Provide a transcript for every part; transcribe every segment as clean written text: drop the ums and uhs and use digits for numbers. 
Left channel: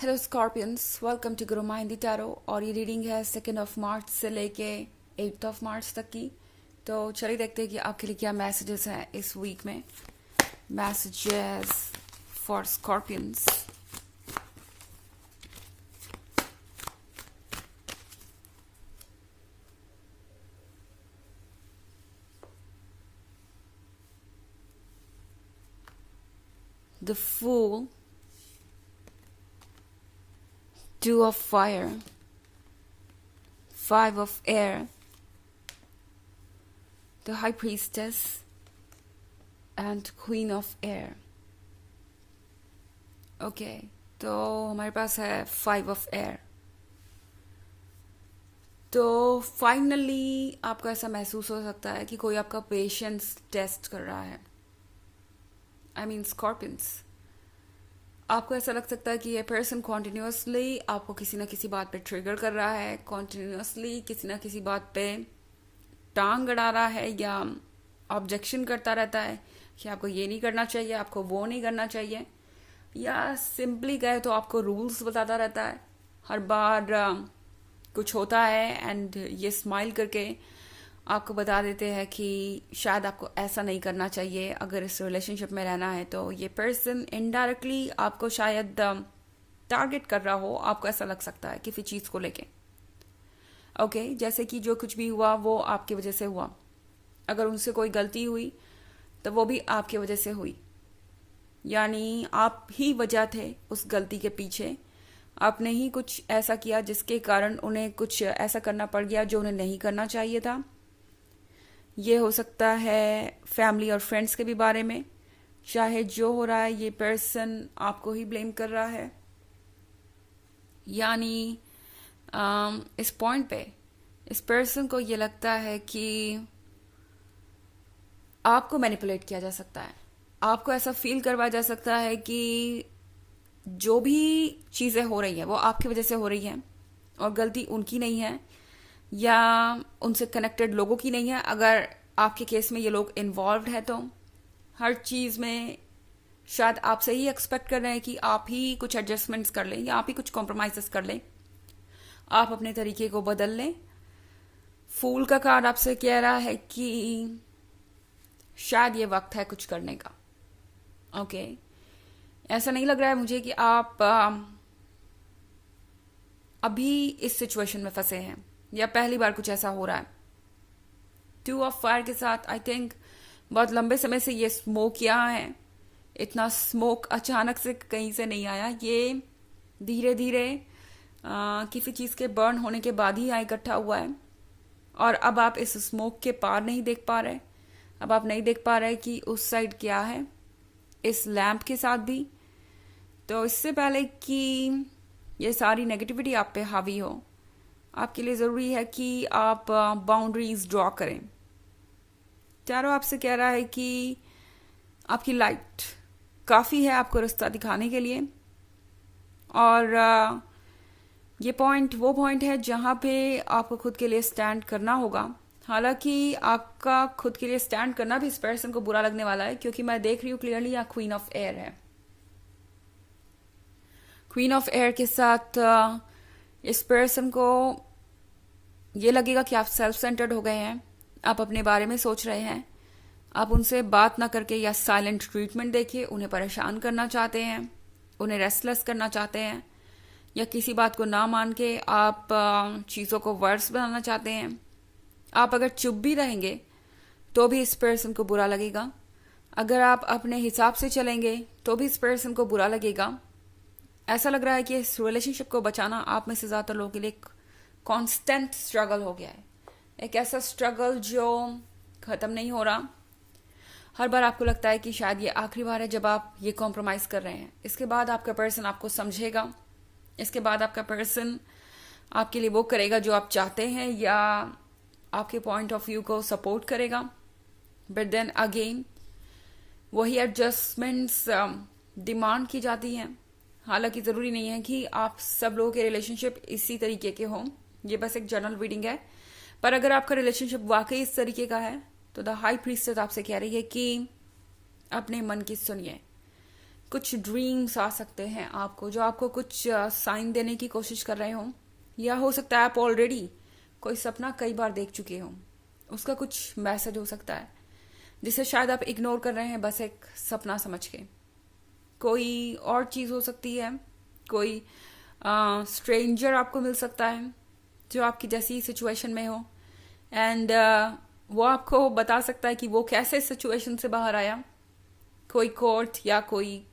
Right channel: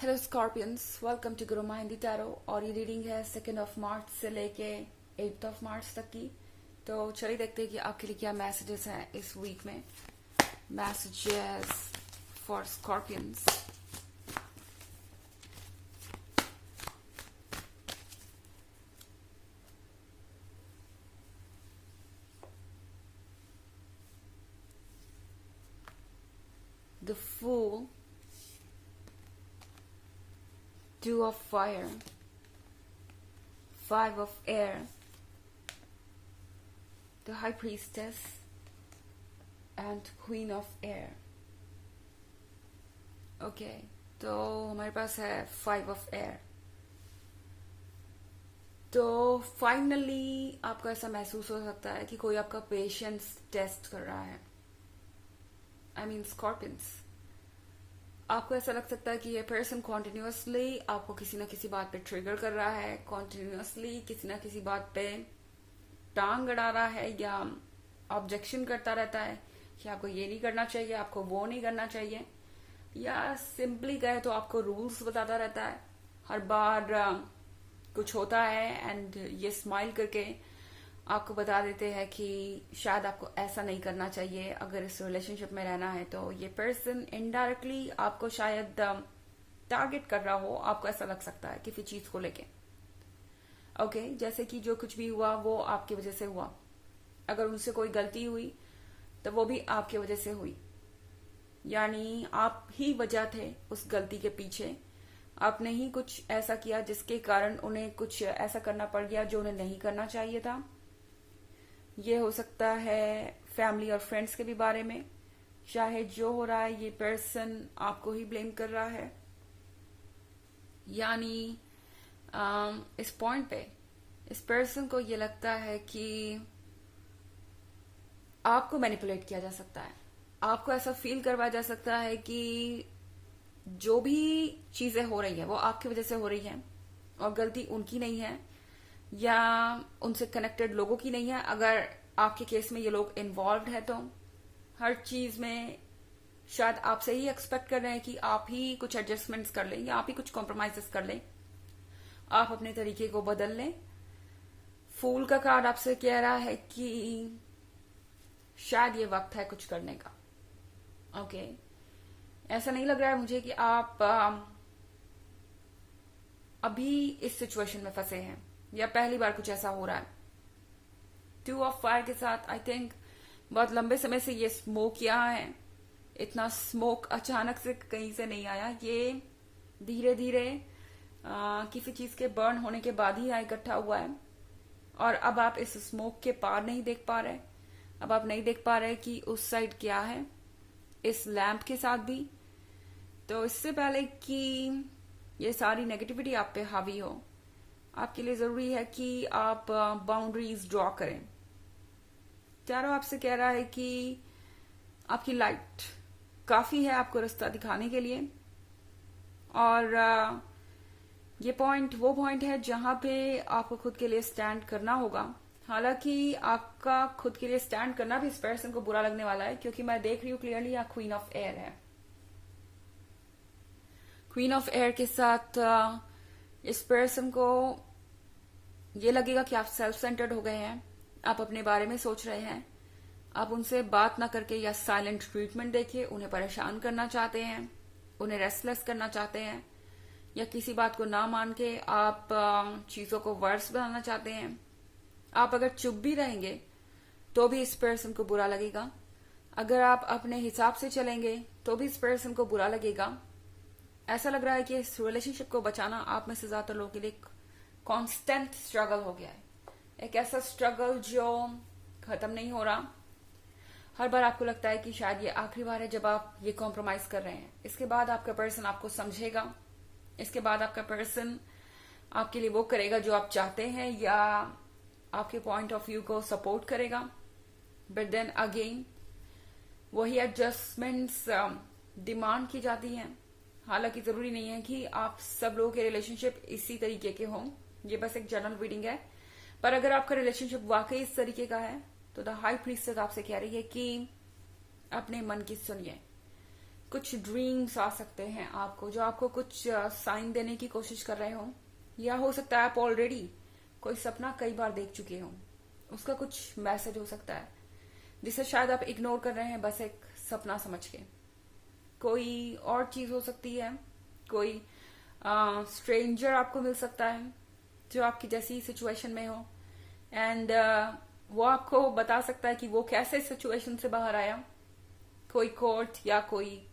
Hello Scorpions, welcome to Guru माइंडी tarot. और ये reading है 2 मार्च से लेके 8 मार्च तक की। तो चलिए देखते हैं कि आपके लिए क्या मैसेजेस हैं इस वीक में। Messages for Scorpions. The fool, Two of Fire, Five of Air, the High Priestess, and Queen of Air. Okay, तो हमारे पास है 5 of Air। तो फाइनली आपको ऐसा महसूस हो सकता है कि कोई आपका पेशेंस टेस्ट कर रहा है। आई मीन स्कॉर्पियंस, आपको ऐसा लग सकता है कि ये पर्सन कॉन्टिन्यूसली आपको किसी ना किसी बात पे ट्रिगर कर रहा है, कॉन्टिन्यूसली किसी ना किसी बात पे टांग अड़ा रहा है या ऑब्जेक्शन करता रहता है कि आपको ये नहीं करना चाहिए, आपको वो नहीं करना चाहिए, या सिंपली कहे तो आपको रूल्स बताता रहता है। हर बार कुछ होता है एंड ये स्माइल करके आपको बता देते हैं कि शायद आपको ऐसा नहीं करना चाहिए अगर इस रिलेशनशिप में रहना है। तो ये पर्सन इनडायरेक्टली आपको शायद टारगेट कर रहा हो, आपको ऐसा लग सकता है किसी चीज को लेके। ओके, जैसे कि जो कुछ भी हुआ वो आपकी वजह से हुआ। अगर उनसे कोई गलती हुई तो वो भी आपकी वजह से हुई, यानी आप ही वजह थे उस गलती के पीछे। आपने ही कुछ ऐसा किया जिसके कारण उन्हें कुछ ऐसा करना पड़ गया जो उन्हें नहीं करना चाहिए था। ये हो सकता है फैमिली और फ्रेंड्स के भी बारे में। चाहे जो हो रहा है, ये पर्सन आपको ही ब्लेम कर रहा है, यानी इस पॉइंट पे इस पर्सन को ये लगता है कि आपको मैनिपुलेट किया जा सकता है। आपको ऐसा फील करवाया जा सकता है कि जो भी चीजें हो रही हैं वो आपकी वजह से हो रही हैं और गलती उनकी नहीं है या उनसे कनेक्टेड लोगों की नहीं है। अगर आपके केस में ये लोग इन्वॉल्व है तो हर चीज में शायद आपसे ही एक्सपेक्ट कर रहे हैं कि आप ही कुछ एडजस्टमेंट्स कर लें या आप ही कुछ कॉम्प्रोमाइजेस कर लें, आप अपने तरीके को बदल लें। फूल का कार्ड आपसे कह रहा है कि शायद ये वक्त है कुछ करने का। ओके, ऐसा नहीं लग रहा है मुझे कि आप अभी इस सिचुएशन में फंसे हैं या पहली बार कुछ ऐसा हो रहा है। 2 of Fire के साथ आई थिंक बहुत लंबे समय से ये स्मोक यहाँ है। इतना स्मोक अचानक से कहीं से नहीं आया, ये धीरे धीरे किसी चीज के बर्न होने के बाद ही यहाँ इकट्ठा हुआ है। और अब आप इस स्मोक के पार नहीं देख पा रहे, अब आप नहीं देख पा रहे कि उस साइड क्या है इस लैंप के साथ भी। तो इससे पहले कि ये सारी नेगेटिविटी आप पे हावी हो, आपके लिए जरूरी है कि आप बाउंड्रीज ड्रॉ करें। टैरो आपसे कह रहा है कि आपकी लाइट काफी है आपको रास्ता दिखाने के लिए, और ये पॉइंट वो पॉइंट है जहां पे आपको खुद के लिए स्टैंड करना होगा। हालांकि आपका खुद के लिए स्टैंड करना भी इस पर्सन को बुरा लगने वाला है, क्योंकि मैं देख रही हूं क्लियरली यहाँ क्वीन ऑफ एयर है। क्वीन ऑफ एयर के साथ इस पर्सन को ये लगेगा कि आप सेल्फ सेंटर्ड हो गए हैं, आप अपने बारे में सोच रहे हैं, आप उनसे बात ना करके या साइलेंट ट्रीटमेंट देके उन्हें परेशान करना चाहते हैं, उन्हें रेस्टलेस करना चाहते हैं, या किसी बात को ना मान के आप चीजों को वर्स बनाना चाहते हैं। आप अगर चुप भी रहेंगे तो भी इस पर्सन को बुरा लगेगा, अगर आप अपने हिसाब से चलेंगे तो भी इस पर्सन को बुरा लगेगा। ऐसा लग रहा है कि इस रिलेशनशिप को बचाना आप में से ज्यादातर लोगों के लिए कांस्टेंट स्ट्रगल हो गया है, एक ऐसा स्ट्रगल जो खत्म नहीं हो रहा। हर बार आपको लगता है कि शायद ये आखिरी बार है जब आप ये कॉम्प्रोमाइज कर रहे हैं। इसके बाद आपका पर्सन आपको समझेगा, इसके बाद आपका पर्सन आपके लिए वो करेगा जो आप चाहते हैं या आपके पॉइंट ऑफ व्यू को सपोर्ट करेगा। बट देन अगेन वही एडजस्टमेंट्स डिमांड की जाती हैं। हालांकि जरूरी नहीं है कि आप सब लोगों के रिलेशनशिप इसी तरीके के हों, ये बस एक जनरल रीडिंग है। पर अगर आपका रिलेशनशिप वाकई इस तरीके का है तो द हाई प्रीस्टेस आपसे कह रही है कि अपने मन की सुनिए, कुछ ड्रीम्स आ सकते हैं आपको, जो आपको कुछ साइन देने की कोशिश कर रहे हो, या हो सकता है आप ऑलरेडी कोई सपना कई बार देख चुके हो, उसका कुछ मैसेज हो सकता है जिसे शायद आप इग्नोर कर रहे हैं बस एक सपना समझ के। कोई और चीज हो सकती है, कोई स्ट्रेंजर आपको मिल सकता है जो आपकी जैसी सिचुएशन में हो, एंड वो आपको बता सकता है कि वो कैसे सिचुएशन से बाहर आया। कोई कोर्ट या कोई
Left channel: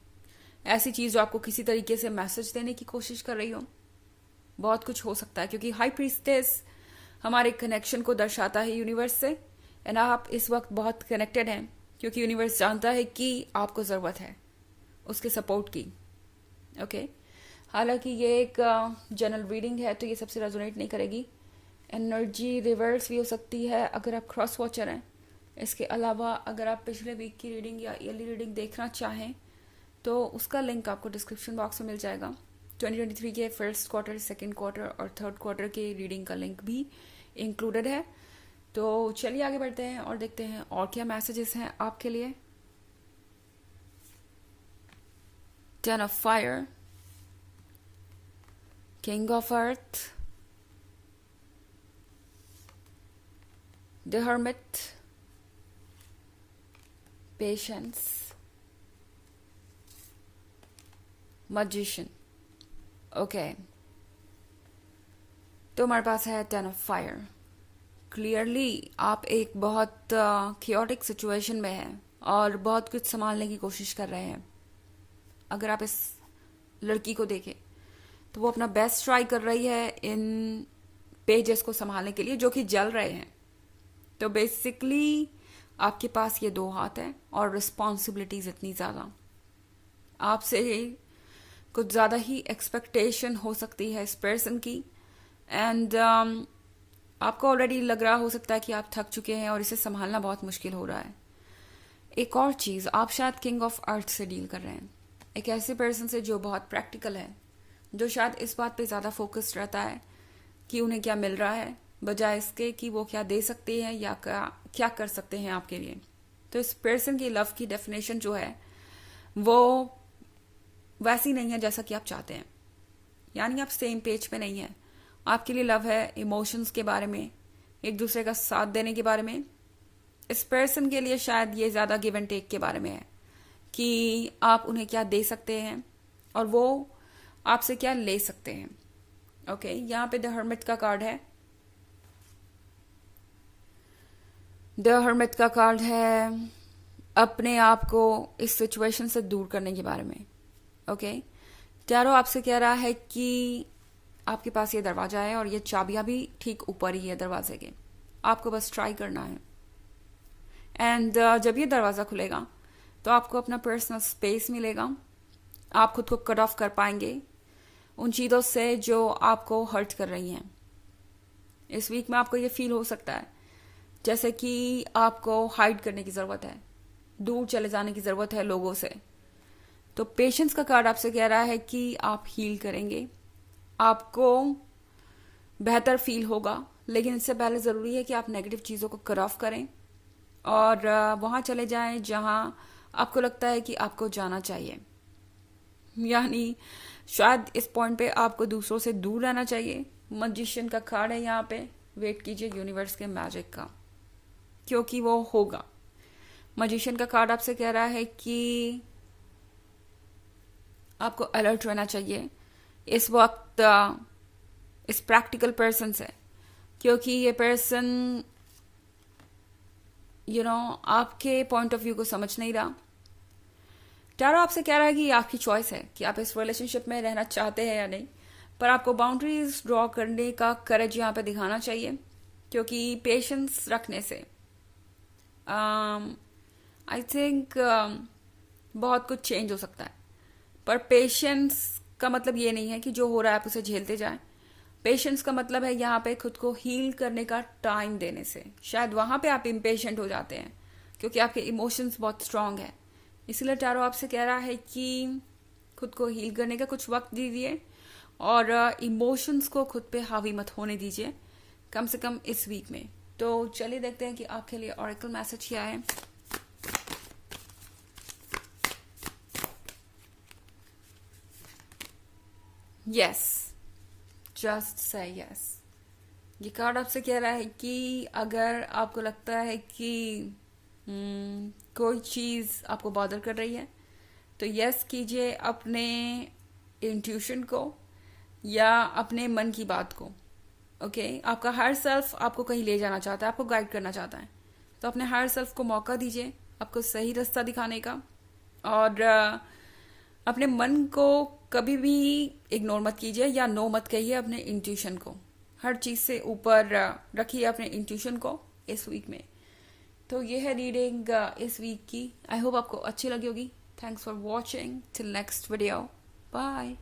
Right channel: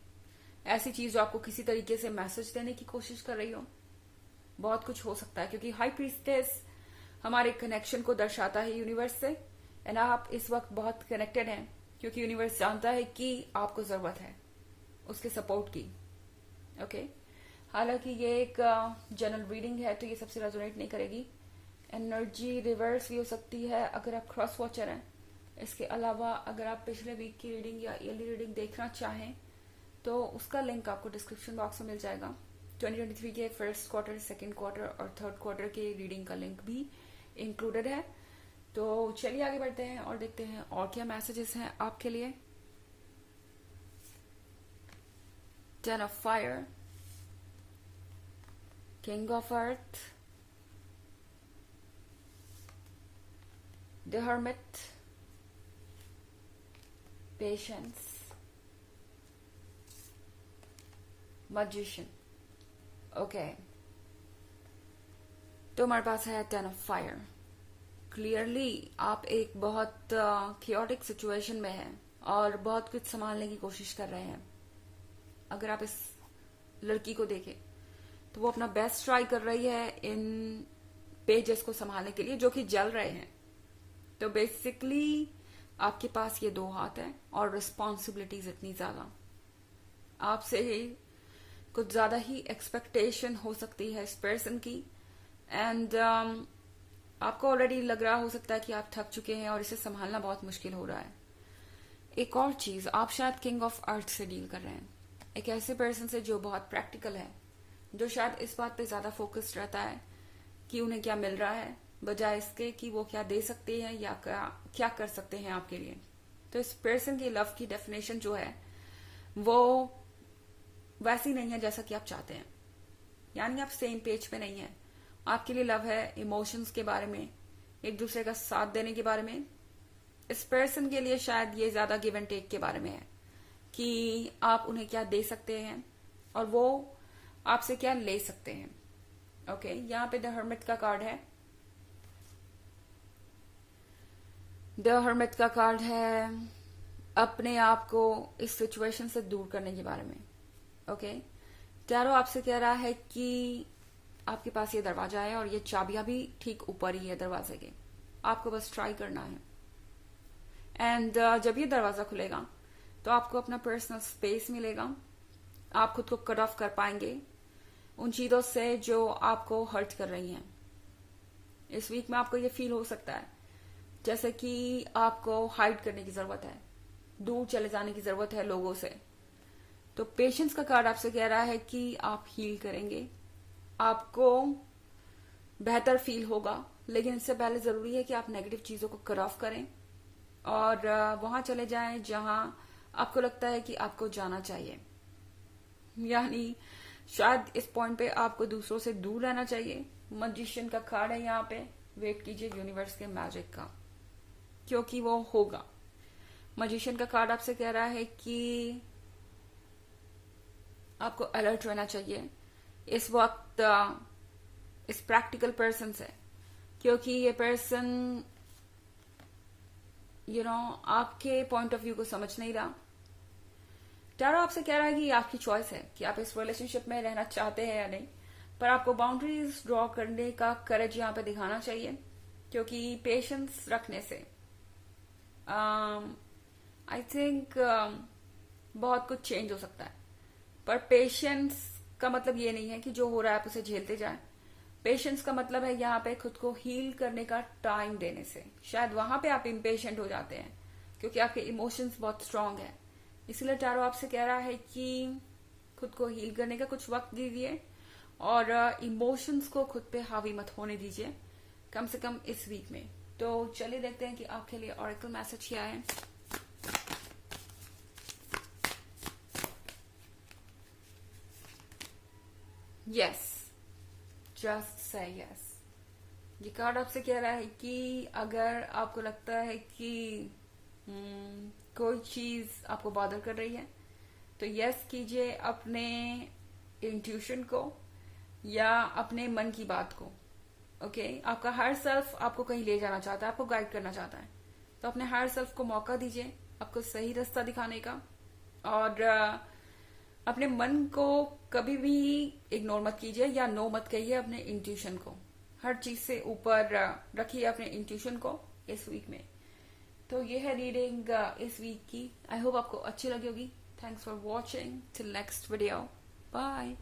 ऐसी चीज जो आपको किसी तरीके से मैसेज देने की कोशिश कर रही हो, बहुत कुछ हो सकता है, क्योंकि हाई प्रीस्टेस हमारे कनेक्शन को दर्शाता है यूनिवर्स से, एंड आप इस वक्त बहुत कनेक्टेड हैं क्योंकि यूनिवर्स जानता है कि आपको जरूरत है उसके सपोर्ट की। ओके, हालांकि ये एक जनरल रीडिंग है तो ये सबसे रेजोनेट नहीं करेगी। एनर्जी रिवर्स भी हो सकती है अगर आप क्रॉस वॉचर हैं। इसके अलावा अगर आप पिछले वीक की रीडिंग या ईयरली रीडिंग देखना चाहें तो उसका लिंक आपको डिस्क्रिप्शन बॉक्स में मिल जाएगा। 2023 के फर्स्ट क्वार्टर, सेकेंड क्वार्टर और थर्ड क्वार्टर के रीडिंग का लिंक भी इंक्लूडेड है। तो चलिए आगे बढ़ते हैं और देखते हैं और क्या मैसेजेस हैं आपके लिए। 10 of fire, King of earth, the hermit, patience, magician। Okay, तो हमारे पास है 10 of fire। क्लियरली आप एक बहुत chaotic सिचुएशन में हैं और बहुत कुछ संभालने की कोशिश कर रहे हैं। अगर आप इस लड़की को देखें तो वो अपना बेस्ट ट्राई कर रही है इन पेजेस को संभालने के लिए जो कि जल रहे हैं। तो बेसिकली आपके पास ये दो हाथ हैं और रिस्पॉन्सिबिलिटीज इतनी ज्यादा, आपसे कुछ ज्यादा ही एक्सपेक्टेशन हो सकती है इस पर्सन की, एंड आपको ऑलरेडी लग रहा हो सकता है कि आप थक चुके हैं और इसे संभालना बहुत मुश्किल हो रहा है। एक और चीज, आप शायद किंग ऑफ अर्थ से डील कर रहे हैं, एक ऐसे पर्सन से जो बहुत प्रैक्टिकल है, जो शायद इस बात पे ज्यादा फोकस्ड रहता है कि उन्हें क्या मिल रहा है बजाय इसके कि वो क्या दे सकते हैं या क्या कर सकते हैं आपके लिए। तो इस पर्सन की लव की डेफिनेशन जो है वो वैसी नहीं है जैसा कि आप चाहते हैं, यानी आप सेम पेज पे नहीं है। आपके लिए लव है इमोशंस के बारे में, एक दूसरे का साथ देने के बारे में। इस पर्सन के लिए शायद ये ज्यादा गिव एंड टेक के बारे में है कि आप उन्हें क्या दे सकते हैं और वो आपसे क्या ले सकते हैं। ओके, यहाँ पे द हर्मिट का कार्ड है। द हर्मिट का कार्ड है अपने आप को इस सिचुएशन से दूर करने के बारे में। ओके, टैरो आपसे कह रहा है कि आपके पास ये दरवाजा है और ये चाबियां भी ठीक ऊपर ही है दरवाजे के, आपको बस ट्राई करना है। एंड जब ये दरवाजा खुलेगा तो आपको अपना पर्सनल स्पेस मिलेगा, आप खुद को कट ऑफ कर पाएंगे उन चीजों से जो आपको हर्ट कर रही हैं। इस वीक में आपको ये फील हो सकता है जैसे कि आपको हाइड करने की जरूरत है, दूर चले जाने की जरूरत है लोगों से। तो पेशेंस का कार्ड आपसे कह रहा है कि आप हील करेंगे, आपको बेहतर फील होगा, लेकिन इससे पहले जरूरी है कि आप नेगेटिव चीजों को कट ऑफ करें और वहां चले जाएं जहां आपको लगता है कि आपको जाना चाहिए। यानी शायद इस पॉइंट पे आपको दूसरों से दूर रहना चाहिए। मैजिशियन का कार्ड है यहाँ पे, वेट कीजिए यूनिवर्स के मैजिक का, क्योंकि वो होगा। मैजिशियन का कार्ड आपसे कह रहा है कि आपको अलर्ट रहना चाहिए इस वक्त इस प्रैक्टिकल पर्सन से, क्योंकि ये पर्सन आपके पॉइंट ऑफ व्यू को समझ नहीं रहा। टैरो आपसे कह रहा है कि ये आपकी चॉइस है कि आप इस रिलेशनशिप में रहना चाहते हैं या नहीं, पर आपको बाउंड्रीज ड्रॉ करने का करेज यहाँ पे दिखाना चाहिए, क्योंकि पेशेंस रखने से आई थिंक बहुत कुछ चेंज हो सकता है। पर पेशेंस का मतलब ये नहीं है कि जो हो रहा है आप उसे झेलते जाएं। पेशेंस का मतलब है यहाँ पे खुद को हील करने का टाइम देने से। शायद वहां पे आप इम्पेशेंट हो जाते हैं क्योंकि आपके इमोशंस बहुत स्ट्रांग है, इसलिए टैरो आपसे कह रहा है कि खुद को हील करने का कुछ वक्त दीजिए और इमोशंस को खुद पे हावी मत होने दीजिए, कम से कम इस वीक में। तो चलिए देखते हैं कि आपके लिए ऑरेकल मैसेज क्या है। Yes, just say yes. ये कार्ड आपसे कह रहा है कि अगर आपको लगता है कि कोई चीज़ आपको बॉदर कर रही है, तो यस कीजिए अपने इंट्यूशन को या अपने मन की बात को। ओके आपका हायर सेल्फ आपको कहीं ले जाना चाहता है, आपको गाइड करना चाहता है, तो अपने हायर सेल्फ को मौका दीजिए आपको सही रास्ता दिखाने का। और अपने मन को कभी भी इग्नोर मत कीजिए या नो मत कहिए अपने इंट्यूशन को। हर चीज से ऊपर रखिए अपने इंट्यूशन को इस वीक में। तो ये है रीडिंग इस वीक की। आई होप आपको अच्छी लगी होगी। Thanks for watching. Till next video, bye.